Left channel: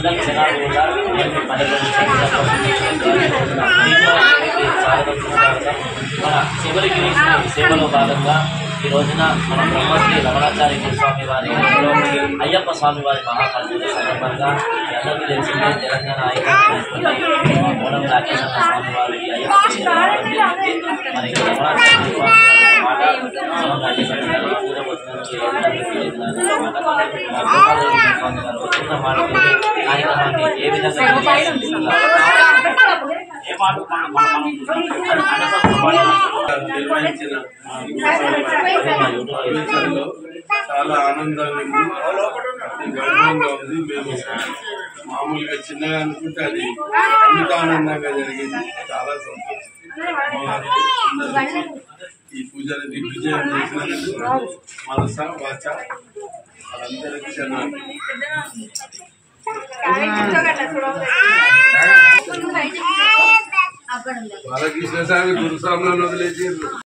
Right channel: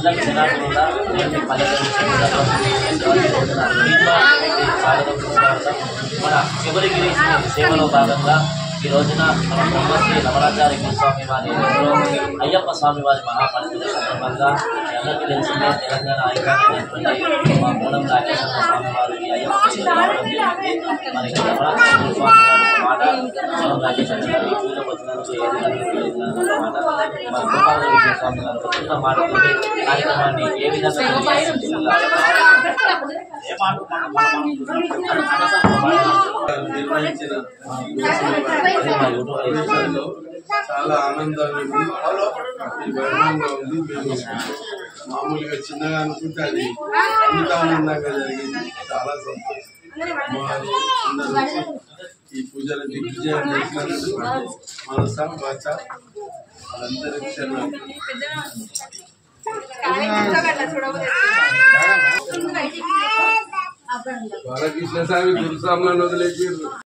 అందరి జనాలు కూడా నేను పల్లెటూరు స్వాగతం సుస్వాగతం. మన చివరికి సేవలో భాగంగా ఈ రోజున మన బ్రహ్మశ్రీ రమణాచార్య స్వామి వారి అయ్యప్ప స్వామి వారి మహాపరిచయ సందర్భంగా అందరికీ తెలిసిందే తెలంగాణ ఐకాన్ మా మూలం రాకేష్ అన్న స్వామి వారి అయ్యప్ప రావడం జరిగింది. మరి రమణాచార్య స్వామి వారి మాట మూలం రాకేష్ అన్న గారు పూజవచనానికి మాట మా గోపాలరెడ్డి స్వామి గారు వచ్చిన మాటతోటి కార్యక్రమాన్ని ఏ విధంగా నిర్వహించిన చాలా ఆనందంగా ఉంది, గౌరవంగా ఉంది. మేము మామూలుగా చిన్నగా అనుకుంటే అది ఇంత ఆనందంగా జరిగింది. చాలా సంతోషం. ఈ పూజను దిగ్విజయం చేసినందుకు మనస వాచ వాళ్ళందరికీ క్షణాలు. బాలకృష్ణ స్వామి గురుస్వాములను వదిలేసి